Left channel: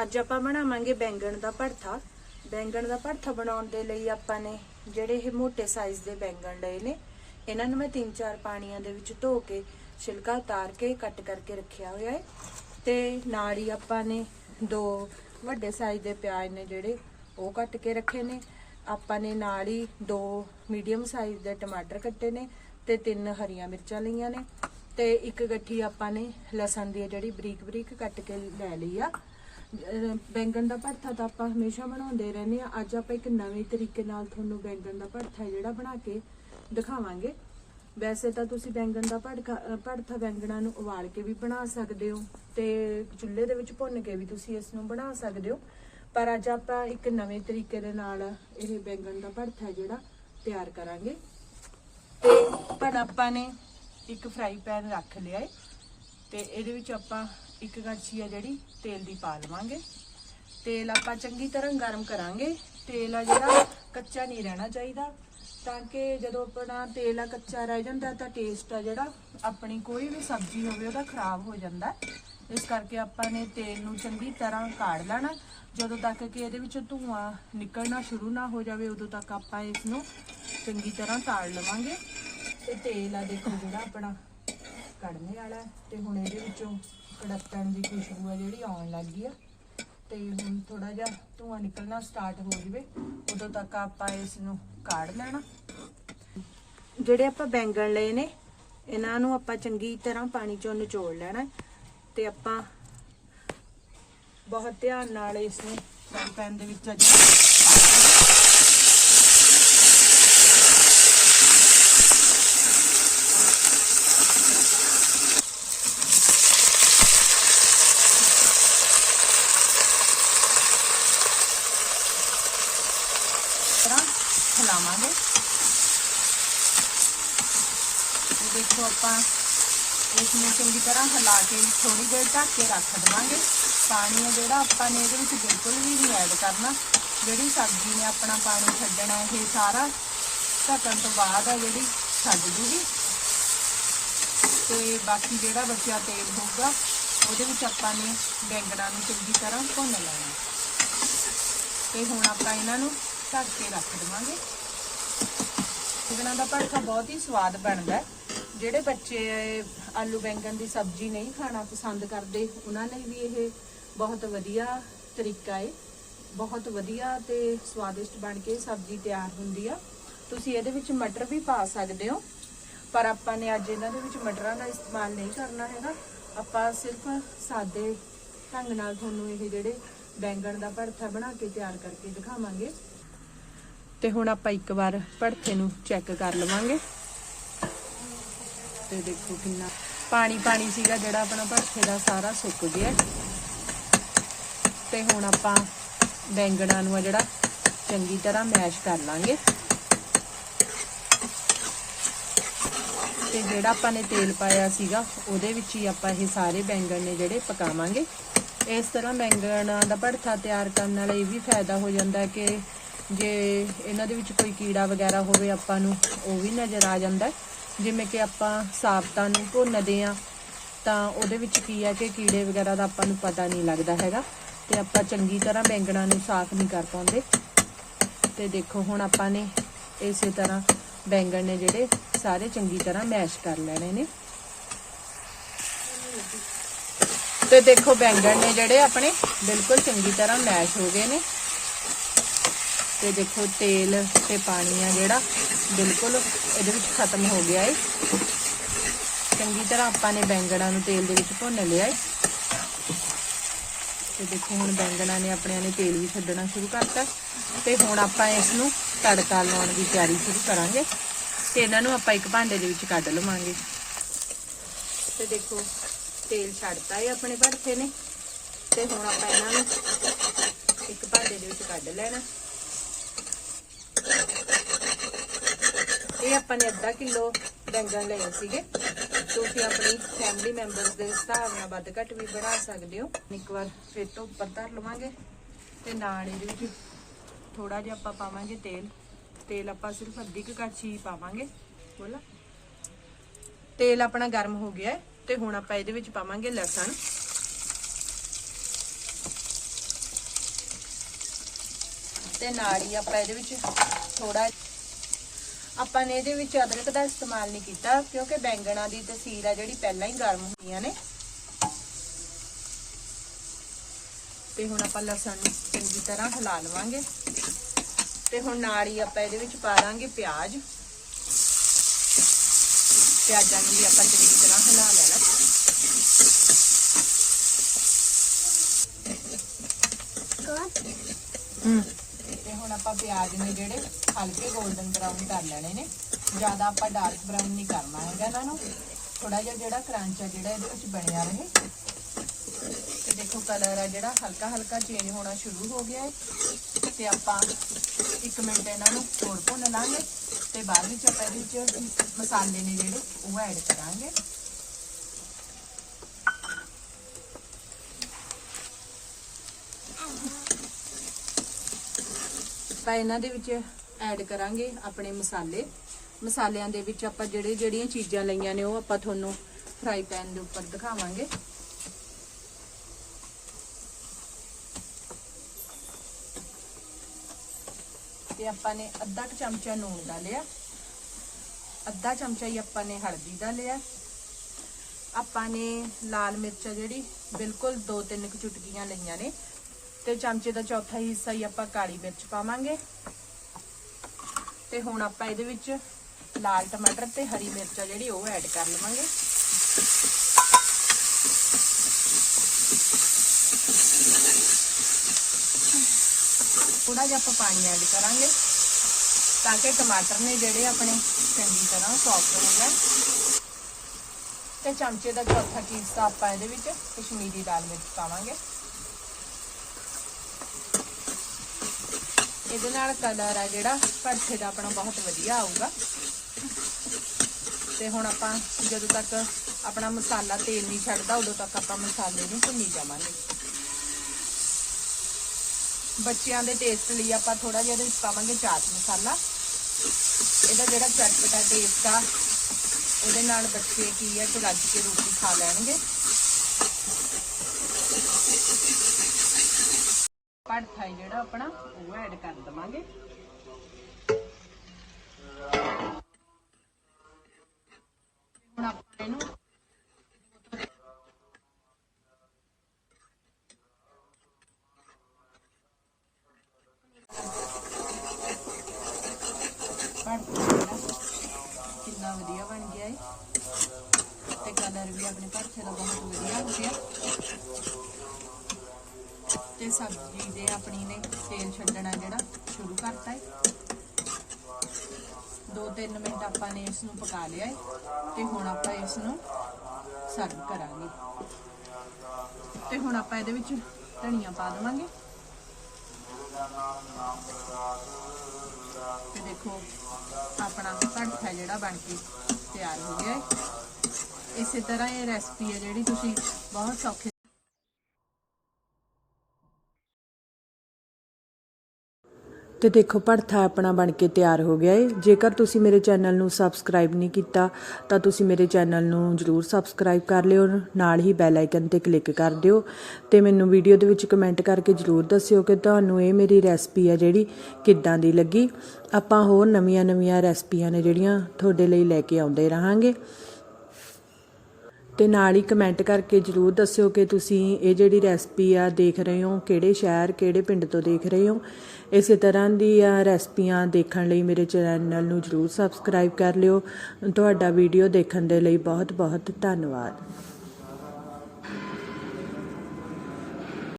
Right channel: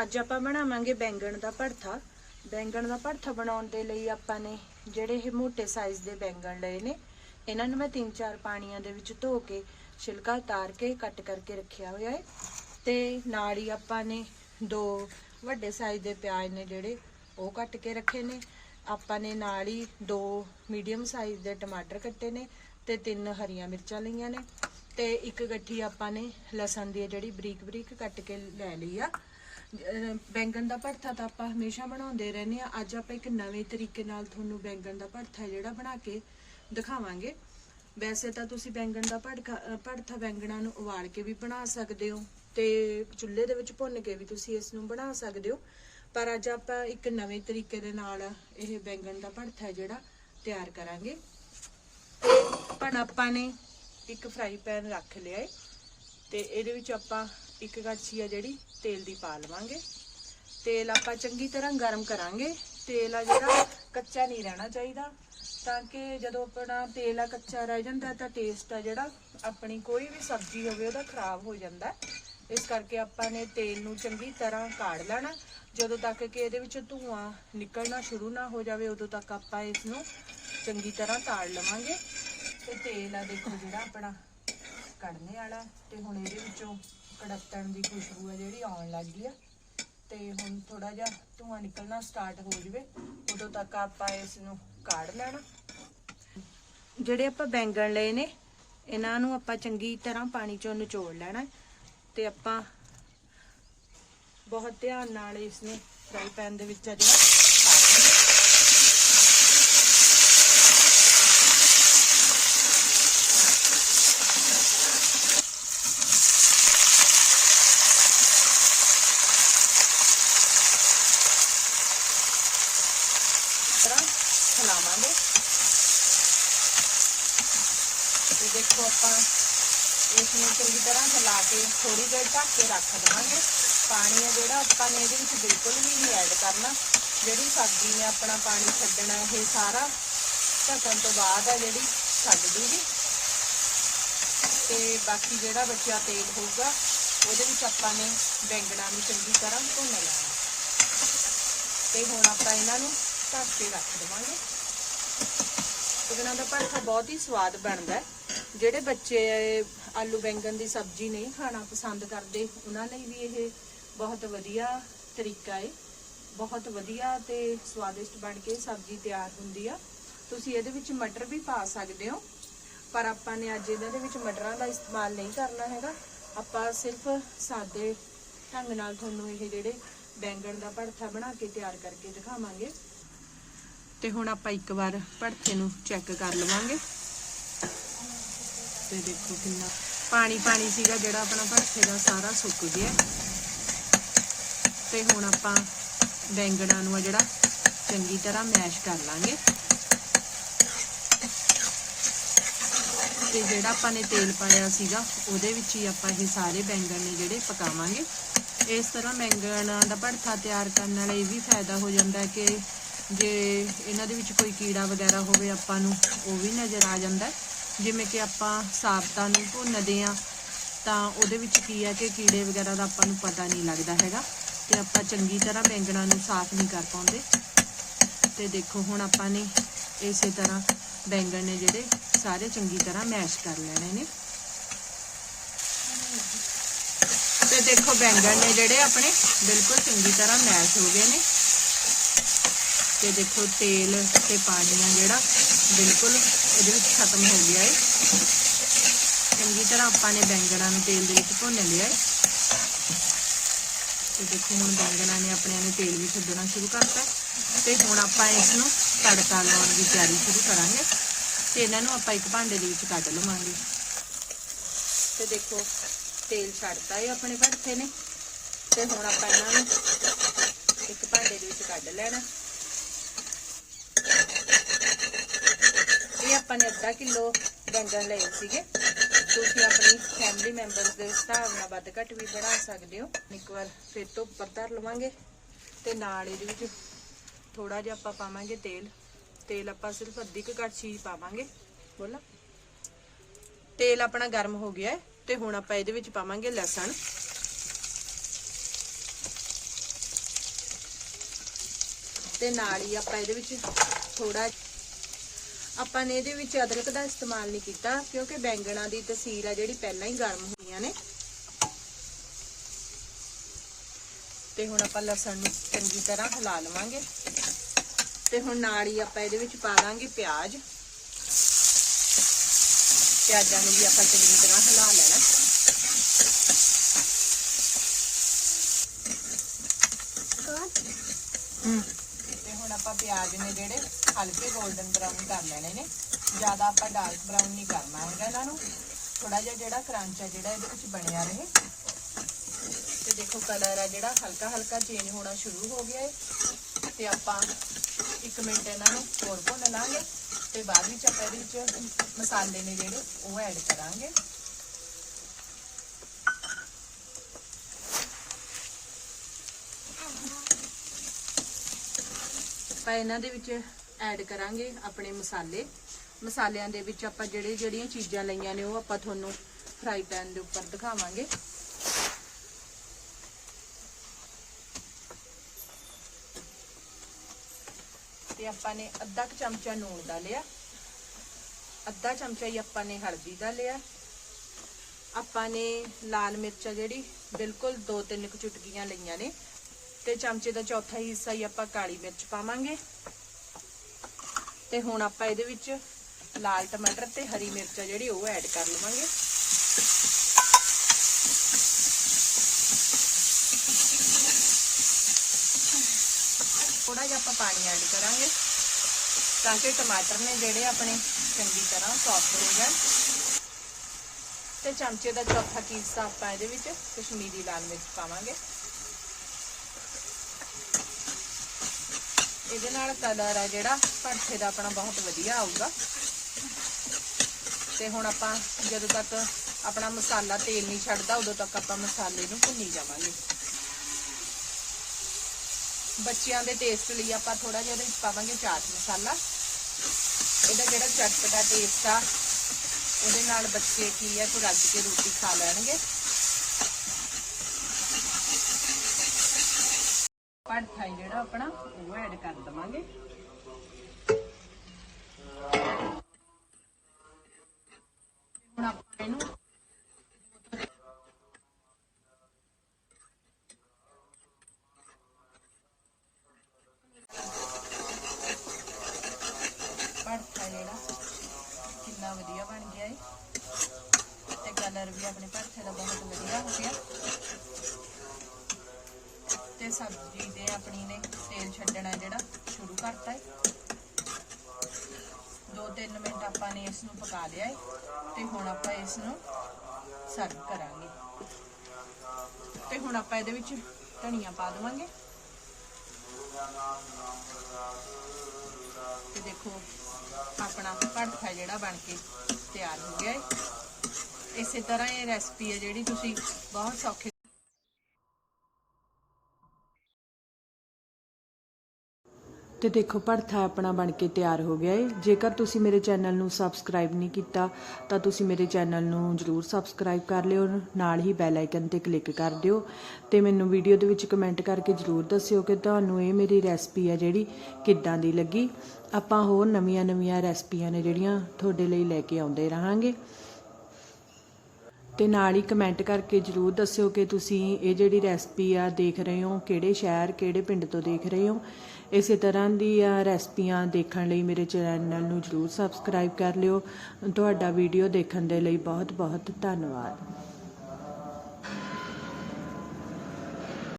ਅੱਜ ਆਪਾਂ ਬਣਾਵਾਂਗੇ ਬੈਂਗਣ ਦਾ ਭੜਥਾ ਬੈਂਗਣ ਦਾ ਭੜਥਾ ਬਣਾਉਣ ਦੇ ਲਈ ਆਪਾਂ ਨੇ ਜਿਹੜੇ ਇਹ ਮੋٹے ਸਾਈਜ਼ ਦੇ ਬੈਂਗਣ ਲਏ ਨੇ, ਇਹਨਾਂ ਨੂੰ ਮੈਂ 3-4 ਪਾਣੀਆਂ ਦੇ ਵਿੱਚ ਧੋ ਕੇ ਛਿਲਕਾ ਉਤਾਰ ਕੇ ਕੱਟ ਕਰਕੇ ਰੱਖਿਆ ਹੋਇਆ ਹੈ। ਤੇ ਨਾਲ ਹੀ ਆਪਾਂ ਨੇ ਦੋ ਵੱਡੇ ਸਾਈਜ਼ ਦੇ ਪਿਆਜ਼ ਨੇ ਜਿਹੜੇ, ਉਹ ਕੱਟ ਕੇ ਰੱਖੇ ਨੇ। ਆਪਾਂ ਨੇ ਨਾਲ ਹੀ ਦੋ ਮੀਡੀਅਮ ਸਾਈਜ਼ ਦੇ ਟਮਾਟਰ ਕੱਟੇ ਨੇ ਤੇ ਤਿੰਨ ਹਰੀਆਂ ਮਿਰਚਾਂ ਲਈਆਂ ਨੇ। ਤੇ ਇੱਕ ਗੱਠੀ ਆਪਾਂ ਨੇ ਲਸਣ ਦੀ ਜਿਹੜੀ ਬਰੀਕ ਬਰੀਕ ਕੱਟ ਕੇ ਲੈ ਲਈ ਆ। ਬੈਂਗਣ ਦਾ ਭਰਥਾ ਤਾਂ ਆਪਾਂ ਹਮੇਸ਼ਾ ਬਣਾਉਂਦੇ ਰਹਿੰਦੇ ਆ ਅੱਜ ਆਪਾਂ ਇੱਕ ਨਵੇਂ ਤਰੀਕੇ ਨਾਲ ਤੁਹਾਨੂੰ ਬੈਂਗਣ ਦਾ ਭਰਥਾ ਜਿਹੜਾ ਬਣਾ ਕੇ ਦਿਖਾਵਾਂਗੇ। ਵੈਸੇ ਤਾਂ ਤੁਸੀਂ ਬੈਂਗਣ ਦਾ ਭੜਕਾ ਭੜਥਾ ਬੈਂਗਣਾਂ ਨੂੰ ਉਬਾਲ ਕੇ ਵੀ ਬਣਾ ਸਕਦੇ ਹੋ ਤੇ ਚੁੱਲ੍ਹੇ ਦੇ ਵਿੱਚ ਭੁੰਨ ਕੇ ਵੀ ਤੁਸੀਂ ਇਸ ਨੂੰ ਬਣਾ ਸਕਦੇ ਹੋ। ਪਰ ਅੱਜ ਆਪਾਂ ਇੱਕ ਨਵੇਂ ਤਰੀਕੇ ਦੇ ਨਾਲ ਇਹ ਬੈਂਗਣ ਦਾ ਭੜਥਾ ਜਿਹੜਾ ਤਿਆਰ ਕਰਾਂਗੇ। ਤੇ ਪਰ ਆਪਾਂ ਨੇ ਇੱਕ ਫਰਾਈ ਪੈਨ ਰੱਖ ਲਿਆ ਹੈ ਤੇ ਇਹਦੇ ਵਿੱਚ ਆਪਾਂ ਇੱਕ ਕੜਛੀ ਆ ਜਿਹੜੀ, ਤੇਲ ਦੀ ਪਾ ਲਵਾਂਗੇ। ਤੇਲ ਆਪਾਂ ਚੰਗੀ ਤਰ੍ਹਾਂ ਗਰਮ ਕਰਾਂਗੇ। ਤੇਲ ਆ ਜਿਹੜਾ, ਕੱਚਾ ਨਹੀਂ ਰਹਿਣਾ ਚਾਹੀਦਾ। ਤਾਂ ਕਿ ਜਦੋਂ ਆਪਣਾ ਤੇਲ ਆ ਕੱਚਾ ਰਹਿ ਜਾਂਦਾ, ਤਾਂ ਟੇਸਟ ਆ ਜਿਹੜਾ, ਆਪਣੀ ਕੋਈ ਵੀ ਸਬਜ਼ੀ ਹੋਵੇ, ਉਹਦਾ ਖਰਾਬ ਹੋ ਜਾਂਦਾ। ਇਸ ਕਰਕੇ ਆਪਾਂ ਨੇ ਤੇਲ ਨੂੰ ਚੰਗੀ ਤਰ੍ਹਾਂ ਕਾੜ ਲੈਣਾ। ਜਦੋਂ ਤੱਕ ਕਿ ਇਹਦੇ ਵਿੱਚੋਂ ਧੂਆਂ ਨਿਕਲਣਾ ਸ਼ੁਰੂ ਨਾ ਹੋ ਜਾਵੇ, ਉਦੋਂ ਤੱਕ ਆਪਾਂ ਇਸ ਨੂੰ ਚੰਗੀ ਤਰ੍ਹਾਂ ਤਾੜ ਲਵਾਂਗੇ। ਤੇ ਤੇਲ ਆ ਦੇਖੋ ਜਿਹੜਾ ਆਪਣਾ ਕੱਢਣੇ ਵਾਲਾ ਤੇ ਹੁਣ ਇਹਦੇ ਵਿੱਚੋਂ ਕੜਕਣ ਦੀ ਖੁਸ਼ਬੂ ਆ ਜਿਹੜੀ ਆਉਣ ਲੱਗ ਗਈ ਆ। ਤੇ ਹੁਣ ਥੋੜਾ ਜਿਹਾ ਧੂਆਂ ਨਿਕਲਣਾ ਸਟਾਰਟ ਹੋ ਜਵੇ, ਉਦੋਂ ਤੱਕ ਆਪਾਂ ਇਸ ਨੂੰ ਕਾੜ ਲੈਣਾ। ਜਿਹੜੇ ਆਪਾਂ ਬੈਂਗਣ ਲਏ ਨੇ, ਇਹਨਾਂ ਨੂੰ ਆਪਾਂ ਚੰਗੀ ਤਰ੍ਹਾਂ ਪਾਣੀ ਚੋਂ ਨਿਚੋੜ ਲੈਣਾ ਹੈ ਤੇ ਆਪਾਂ ਬਹੁਤ ਧਿਆਨ ਨਾਲ ਇਸ ਨੂੰ ਫਰਾਈ ਪੈਨ ਦੇ ਵਿੱਚ ਆ ਜਿਹੜਾ ਤਰ੍ਹਾਂ ਹਿਲਾਵਾਂਗੇ ਤੇ ਦੇਖੋ ਆਪਾਂ ਇਸ ਨੂੰ ਚੰਗੀ ਤਰ੍ਹਾਂ ਹਿਲਾ ਕੇ ਥੋੜੀ ਦੇਰ ਢੱਕ ਕੇ ਰੱਖ ਦੇਵਾਂਗੇ। ਪਾਣੀ ਹੈ ਜਿਹੜਾ ਆਪਾਂ ਨੇ ਇਹਦੇ ਵਿੱਚ ਬਿਲਕੁਲ ਵੀ ਨਹੀਂ ਐਡ ਕਰਨਾ। ਜਿਹੜੀ ਸਬਜ਼ੀ ਨੇ ਆਪਣਾ ਪਾਣੀ ਛੱਡਣਾ, ਇਹ ਸਾਰਾ ਢੱਕਣ ਤੋਂ ਬਾਅਦ ਆ ਜਿਹੜੀ ਛੱਡ ਦੂਗੀ। ਤੇ ਬਾਕੀ ਜਿਹੜਾ ਬਚਿਆ ਤੇਲ ਹੋਊਗਾ, ਉਹਦੇ ਵਿੱਚ ਆਪਾਂ ਨੇ ਬੈਂਗਣਾ ਨੂੰ ਚੰਗੀ ਤਰ੍ਹਾਂ ਭੁੰਨ ਲੈਣਾ। ਤੇ ਹੁਣ ਆਪਾਂ ਇਹਨਾਂ ਨੂੰ ਢੱਕ ਕੇ ਰੱਖ ਦੇਵਾਂਗੇ। ਬੈਂਗਣਾਂ ਦਾ ਭਰਥਾ ਬਹੁਤ ਹੀ ਸਵਾਦ ਬਣਦਾ ਹੈ। ਜਿਹੜੇ ਬੱਚੇ ਆਲੂ ਬੈਂਗਣ ਦੀ ਸਬਜ਼ੀ ਨਹੀਂ ਖਾਣਾ ਪਸੰਦ ਕਰਦੇ, ਉਹਨਾਂ ਲਈ ਵੀ ਇਹ ਬਹੁਤ ਵਧੀਆ ਤਰੀਕਾ ਹੈ। ਬਹੁਤ ਵਧੀਆ ਤੇ ਸਵਾਦਿਸ਼ਟ ਬਣ ਕੇ ਸਬਜ਼ੀ ਤਿਆਰ ਹੁੰਦੀ ਆ। ਤੁਸੀਂ ਇਹਦੇ ਵਿੱਚ ਮਟਰ ਵੀ ਪਾ ਸਕਦੇ ਹੋ, ਪਰ ਆਪਾਂ ਨੇ ਅੱਜ ਇਹਨਾਂ ਦੇ ਵਿੱਚ ਮਟਰਾਂ ਦਾ ਇਸਤੇਮਾਲ ਨਹੀਂ ਕਰਨਾ ਹੈਗਾ। ਆਪਾਂ ਸਿਰਫ ਸਾਦੇ ਢੰਗ ਨਾਲ ਤੁਹਾਨੂੰ ਇਹ ਜਿਹੜੇ ਬੈਂਗਣ ਦਾ ਭਰਥਾ ਬਣਾ ਕੇ ਤਿਆਰ ਕਰਕੇ ਦਿਖਾਵਾਂਗੇ। ਤੇ ਹੁਣ ਆਪਾਂ ਇੱਕ ਵਾਰ ਭੜਥੇ ਨੂੰ ਚੈੱਕ ਕਰ ਲਵਾਂਗੇ। ਤੇ ਦੇਖੋ ਕਿੰਨਾ ਪਾਣੀ ਪਾਣੀ ਸੀਗਾ ਜਿਹੜਾ ਆਪਣਾ ਭੜਥੇ ਦਾ ਸਾਰਾ ਸੁੱਕ ਗਿਆ। ਤੇ ਹੁਣ ਆਪਾਂ ਬੈਂਗਣਾਂ ਨੂੰ ਆ ਜਿਹੜਾ ਚੰਗੀ ਤਰ੍ਹਾਂ ਮੈਸ਼ ਕਰ ਲਾਂਗੇ। ਤੇ ਜਿਹੜਾ ਆਪਾਂ ਨੇ ਤੇਲ ਪਾਇਆ ਸੀਗਾ, ਉਹਦੇ ਵਿੱਚ ਹੀ ਆਪਾਂ ਇਹ ਸਾਰੇ ਬੈਂਗਣ ਨੇ ਜਿਹੜੇ ਪਕਾਵਾਂਗੇ। ਇਸ ਤਰ੍ਹਾਂ ਬੈਂਗਣਾਂ ਦਾ ਭੜਥਾ ਤਿਆਰ ਕਰਨ ਨਾਲ ਇਹ ਵੀ ਫਾਇਦਾ ਹੋ ਜਾਂਦਾ ਕਿ ਜੇ ਇਹਨਾਂ ਦੇ ਵਿੱਚ ਕੋਈ ਕੀੜਾ ਵਗੈਰਾ ਹੋਵੇ ਆਪਾਂ ਨੂੰ, ਉਹ ਵੀ ਨਜ਼ਰ ਆ ਜਾਂਦਾ ਜਿਵੇਂ ਕਿ ਆਪਾਂ ਸਾਬਤਾਂ ਨੂੰ ਭੁੰਨਦੇ ਆ ਤਾਂ ਉਹਦੇ ਵਿੱਚ ਕੀ ਹੈ ਕਿ ਕੀੜੇ ਵਗੈਰਾ ਦਾ ਆਪਾਂ ਨੂੰ ਪਤਾ ਨਹੀਂ ਲੱਗਦਾ ਹੈਗਾ ਤੇ ਆਪਾਂ ਚੰਗੀ ਤਰ੍ਹਾਂ ਬੈਂਗਣਾਂ ਨੂੰ ਸਾਫ਼ ਨਹੀਂ ਕਰ ਪਾਉਂਦੇ। ਤੇ ਦੇਖੋ, ਹੁਣ ਆਪਾਂ ਨੇ ਇਸੇ ਤਰ੍ਹਾਂ ਬੈਂਗਣ ਨੇ ਜਿਹੜੇ ਸਾਰੇ ਚੰਗੀ ਤਰ੍ਹਾਂ ਮੈਸ਼ ਕਰ ਲੈਣੇ ਨੇ। ਤੇ ਦੇਖੋ, ਬੈਂਗਣ ਨੇ ਜਿਹੜੇ ਆਪਣੇ ਬਿਲਕੁਲ ਚੰਗੀ ਤਰ੍ਹਾਂ ਮੈਸ਼ ਹੋ ਗਏ ਨੇ। ਤੇ ਦੇਖੋ ਤੇਲ ਤੇ ਪਾਣੀ ਆ ਜਿਹੜਾ, ਬਿਲਕੁਲ ਇਹਦੇ ਵਿੱਚ ਖਤਮ ਹੋ ਗਿਆ ਏ। ਚੰਗੀ ਤਰ੍ਹਾਂ ਆਪਾਂ ਨੇ ਬੈਂਗਣਾਂ ਨੂੰ ਤੇਲ ਦੇ ਵਿੱਚ ਭੁੰਨ ਲਿਆ ਏ। ਤੇ ਦੇਖੋ ਹੁਣ ਬੈਂਗਣਾ ਨੇ ਆਪਣਿਆਂ ਨੇ ਤੇਲ ਵੀ ਛੱਡਣਾ ਸ਼ੁਰੂ ਕਰਤਾ ਤੇ ਹੁਣ ਆਪਾਂ ਇਸ ਨੂੰ ਤੜਕਾ ਲਾਉਣ ਦੀ ਤਿਆਰੀ ਸ਼ੁਰੂ ਕਰਾਂਗੇ। ਤੇ ਇਹਨਾਂ ਨੂੰ ਆਪਾਂ ਇੱਕ ਭਾਂਡੇ ਦੇ ਵਿੱਚ ਕੱਢ ਲਵਾਂਗੇ। ਤੇ ਦੇਖੋ ਤੇਲ ਛੱਡਤਾ ਹੈ ਆਪਣੇ ਭਰਥੇ ਨੇ। ਤੇ ਹੁਣ ਆਪਾਂ ਇਹਨਾਂ ਨੂੰ ਇੱਕ ਭਾਂਡੇ ਦੇ ਵਿੱਚ ਕੱਢ ਲੈਣਾ। ਇਹ ਆਪਾਂ ਨੇ ਅੱਧਾ ਕਿਲੋ ਬੈਂਗਣ ਲਏ ਸੀਗੇ। ਤੁਸੀਂ ਆਪਣੀ ਫੈਮਿਲੀ ਮੈਂਬਰਸ ਦੇ ਹਿਸਾਬ ਨਾਲ ਵੱਧ ਘੱਟ ਵੀ ਬਣਾ ਸਕਦੇ ਹੋ। ਇੱਕ ਵਾਰ ਫਿਰ ਤੋਂ ਉੱਪਰ ਧਰ ਲਵਾਂਗੇ ਤੇ ਨਾਲ ਇਹਦੇ ਵਿੱਚ ਥੋੜਾ ਜਿਹਾ ਆਪਾਂ ਪਾਵਾਂਗੇ ਤੇਲ। ਤੇਲ ਆਪਾਂ ਸਿਰਫ ਅੱਧੀ ਕੁ ਕੜਛੀ ਪਾਵਾਂਗੇ। ਬੋਲਾ ਤੇਲ ਆਪਣਾ ਗਰਮ ਹੋ ਗਿਆ ਹੈ ਤੇ ਹੁਣ ਆਪਾਂ ਇਹਦੇ ਵਿੱਚ ਪਾਵਾਂਗੇ ਲਸਣ। ਤੇ ਨਾਲ ਹੀ ਆਪਾਂ ਇਹਦੇ ਵਿੱਚ ਥੋੜਾ ਆਪਾਂ ਨੇ ਇਹਦੇ ਵਿੱਚ ਅਦਰਕ ਦਾ ਇਸਤੇਮਾਲ ਨਹੀਂ ਕੀਤਾ ਕਿਉਂਕਿ ਬੈਂਗਣਾ ਦੀ ਤਸੀਰ ਆ ਜਿਹੜੀ ਪਹਿਲਾਂ ਹੀ ਗਰਮ ਹੁੰਦੀਆਂ ਨੇ। ਤੇ ਹੁਣ ਆਪਾਂ ਲਸਣ ਨੂੰ ਚੰਗੀ ਤਰ੍ਹਾਂ ਹਿਲਾ ਲਵਾਂਗੇ। ਤੇ ਹੁਣ ਨਾਲ ਹੀ ਆਪਾਂ ਇਹਦੇ ਵਿੱਚ ਪਾ ਦਾਂਗੇ ਪਿਆਜ਼। ਪਿਆਜ਼ਾਂ ਨੂੰ ਵੀ ਆਪਾਂ ਚੰਗੀ ਤਰ੍ਹਾਂ ਹਿਲਾ ਲੈਣਾ। ਹੂੰ। ਤੇ ਹੁਣ ਆਪਾਂ ਪਿਆਜ਼ ਨੇ ਜਿਹੜੇ ਹਲਕੇ 골ਡਨ ਬਰਾਊਨ ਕਰ ਲੈਣੇ ਨੇ। ਜ਼ਿਆਦਾ ਆਪਾਂ ਡਾਰਕ ਬਰਾਊਨ ਨਹੀਂ ਕਰਨਾ ਹੈਗਾ ਇਹਨਾਂ ਨੂੰ। ਥੋੜਾ ਜਿਹਾ ਜਿਹੜਾ ਕਰੰਚ ਆ, ਜਿਹੜਾ ਇਹਦੇ ਵਿੱਚ ਬਣਿਆ ਰਹੇ। ਤੇ ਦੇਖੋ ਕਲਰ ਆ ਜਿਹੜਾ ਹਲਕਾ ਹਲਕਾ ਚੇਂਜ ਹੋਣਾ ਸ਼ੁਰੂ ਹੋ ਗਿਆ ਹੈ ਤੇ ਆਪਾਂ 1 ਮਿੰਟ ਇਹਨਾਂ ਨੂੰ ਹੋਰ ਭੁੰਨ ਲਾਂਗੇ ਤੇ ਬਾਅਦ ਵਿੱਚ ਆਪਾਂ ਇਹਦੇ ਵਿੱਚ ਮਸਾਲੇ ਨੇ ਜਿਹੜੇ, ਉਹ ਐਡ ਕਰਾਂਗੇ। ਆਪਾਂ ਇਹਨਾਂ ਦੇ ਵਿੱਚ ਐਡ ਕਰਾਂਗੇ ਆਪਣੇ ਮਸਾਲੇ। ਮਸਾਲਿਆਂ ਦੇ ਵਿੱਚ ਆਪਾਂ ਜਿਹੜੇ ਜਿਹੜੀਆਂ ਚੀਜ਼ਾਂ ਲਈਆਂ ਨੇ ਉਹ ਆਪਾਂ ਤੁਹਾਨੂੰ ਫਰਾਈ ਪੈਨ ਦੇ ਉੱਪਰ ਦਿਖਾਵਾਂਗੇ। ਤੇ ਆਪਾਂ ਨੇ ਅੱਧਾ ਕੁ ਚਮਚਾ ਨੂਣ ਦਾ ਲਿਆ। ਅੱਧਾ ਚਮਚਾ ਹੀ ਆਪਾਂ ਨੇ ਹਲਦੀ ਦਾ ਲਿਆ। ਆਪਾਂ ਨੇ ਲਾਲ ਮਿਰਚ ਆ ਜਿਹੜੀ ਬਿਲਕੁਲ 2-3 ਕੁ ਚੁਟਕੀਆਂ ਲਈਆਂ ਨੇ। ਤੇ ਚਮਚੇ ਦਾ ਚੌਥਾ ਹਿੱਸਾ ਹੀ ਆਪਾਂ ਕਾਲੀ ਮਿਰਚ ਪਾਵਾਂਗੇ। ਤੇ ਹੁਣ ਆਪਾਂ ਇਹਦੇ ਵਿੱਚ ਲਾਲ ਟਮਾਟਰ ਤੇ ਹਰੀ ਮਿਰਚ ਆ ਜਿਹੜੀ, ਉਹ ਐਡ ਕਰ ਲਵਾਂਗੇ। ਥੋੜਾ ਜਿਹਾ ਆਪਾਂ ਪਾਣੀ ਐਡ ਕਰਾਂਗੇ, ਤਾਂ ਕਿ ਟਮਾਟਰ ਨੇ ਜਿਹੜੇ ਆਪਣੇ ਚੰਗੀ ਤਰ੍ਹਾਂ ਸੌਫਟ ਹੋ ਜਾਣ। ਤੇ ਚਮਚੇ ਦਾ ਚੌਥਾ ਕੁ ਹਿੱਸਾ ਆਪਾਂ ਇਹਦੇ ਵਿੱਚ ਕਸ਼ਮੀਰੀ ਲਾਲ ਮਿਰਚ ਪਾਵਾਂਗੇ। ਇਹਦੇ ਨਾਲ ਕਲਰ ਆ ਜਿਹੜਾ ਭਰਥੇ ਦਾ ਆਪਣਾ ਬਹੁਤ ਵਧੀਆ ਆਊਗਾ। ਤੇ ਹੁਣ ਆਪਾਂ ਜਦੋਂ ਤੱਕ ਆਪਣਾ ਮਸਾਲਾ ਤੇਲ ਨਹੀਂ ਛੱਡਦਾ, ਉਦੋਂ ਤੱਕ ਆਪਾਂ ਮਸਾਲੇ ਨੂੰ ਭੁੰਨੀ ਜਾਵਾਂਗੇ। ਬੱਚਿਆਂ ਦੇ ਟੇਸਟ ਲਈ ਆਪਾਂ ਥੋੜਾ ਜਿਹਾ ਇਹਦੇ ਵਿੱਚ ਪਾਵਾਂਗੇ ਚਾਟ ਮਸਾਲਾ। ਇਹਦਾ ਜਿਹੜਾ ਚਟਪਟਾ ਟੇਸਟ ਆ, ਉਹਦੇ ਨਾਲ ਬੱਚੇ ਕੀ ਆ ਕਿ ਰੱਜ ਕੇ ਰੋਟੀ ਖਾ ਲੈਣਗੇ। ਭੜਥਾ ਆਪਣਾ, ਉਹ ਐਡ ਕਰ ਦਵਾਂਗੇ। ਹੁਣ ਆਪਾਂ ਇਹਨੂੰ ਕਿੰਨਾ ਵਧੀਆ ਬਣ ਗਿਆ ਹੈ ਤੇ ਕਲਰ ਵੀ ਆਪਣੇ ਭੜਥੇ ਦਾ ਬਹੁਤ ਵਧੀਆ ਹੋ ਗਿਆ। ਤੇ ਸਬਜ਼ੀ ਦੇ ਆਪਣੀ ਨੇ ਤੇਲ ਛੱਡਣਾ ਜਿਹੜਾ, ਸ਼ੁਰੂ ਕਰਤਾ ਹੈ। 2-3 ਮਿੰਟ ਆਪਾਂ ਨੇ ਇਸ ਨੂੰ ਪਕਾ ਲਿਆ ਹੈ ਤੇ ਹੁਣ ਆਪਾਂ ਇਸ ਨੂੰ ਸਰਵ ਕਰਾਂਗੇ। ਤੇ ਹੁਣ ਆਪਾਂ ਇਹਦੇ ਵਿੱਚ ਧਨੀਆ ਪਾ ਦਵਾਂਗੇ। ਤੇ ਦੇਖੋ, ਆਪਣਾ ਭੜਥਾ ਜਿਹੜਾ ਬਣ ਕੇ ਤਿਆਰ ਹੋ ਗਿਆ ਹੈ। ਇਸੇ ਤਰ੍ਹਾਂ ਇਹ ਰੈਸਪੀ ਹੈ ਜਿਹੜੀ ਤੁਸੀਂ ਬਹੁਤ ਸੌਖੇ ਤੇ ਦੇਖੋ ਭੜਥਾ ਆਪਣਾ ਬਣ ਕੇ ਤਿਆਰ ਹੋ ਗਿਆ ਏ। ਜੇਕਰ ਤੁਸੀਂ ਮੇਰੇ ਚੈਨਲ ਨੂੰ ਸਬਸਕ੍ਰਾਈਬ ਨਹੀਂ ਕੀਤਾ, ਤਾਂ ਤੁਸੀਂ ਮੇਰੇ ਚੈਨਲ ਨੂੰ ਜਰੂਰ ਸਬਸਕ੍ਰਾਈਬ ਕਰ ਲਿਓ ਨਾਲ ਹੀ ਬੈਲ ਆਈਕਨ ਤੇ ਕਲਿੱਕ ਕਰ ਦਿਓ। ਤੇ ਮੈਨੂੰ ਵੀਡੀਓ ਦੇ ਵਿੱਚ ਕਮੈਂਟ ਕਰਕੇ ਜਰੂਰ ਦੱਸਿਓ ਕਿ ਤੁਹਾਨੂੰ ਇਹ ਮੇਰੀ ਰੈਸਪੀ ਆ ਜਿਹੜੀ ਕਿੱਦਾਂ ਦੀ ਲੱਗੀ। ਆਪਾਂ ਹੋਰ ਨਵੀਆਂ-ਨਵੀਆਂ ਰੈਸਪੀਆਂ ਨੇ ਜਿਹੜੀਆਂ ਤੁਹਾਡੇ ਲਈ ਲੈ ਕੇ ਆਉਂਦੇ ਰਹਾਂਗੇ। ਤੇ ਨਾਲ ਹੀ ਕਮੈਂਟ ਕਰਕੇ ਜਰੂਰ ਦੱਸਿਓ ਕਿ ਤੁਸੀਂ ਇਹ ਜਿਹੜੀ ਰੈਸਪੀ ਆ ਦੇਖ ਰਹੇ ਹੋ, ਕਿਹੜੇ ਸ਼ਹਿਰ, ਕਿਹੜੇ ਪਿੰਡ ਤੋਂ ਦੇਖ ਰਹੇ ਹੋ। ਇਸੇ ਤਰ੍ਹਾਂ ਦੀਆਂ ਰੈਸਪੀਆਂ ਦੇਖਣ ਲਈ ਮੇਰੇ ਚੈਨਲ ਨੂੰ ਜਰੂਰ ਸਬਸਕ੍ਰਾਈਬ ਕਰ ਲਿਓ। ਤੁਹਾਡਾ ਵੀਡੀਓ ਦੇਖਣ ਦੇ ਲਈ ਬਹੁਤ ਬਹੁਤ ਧੰਨਵਾਦ।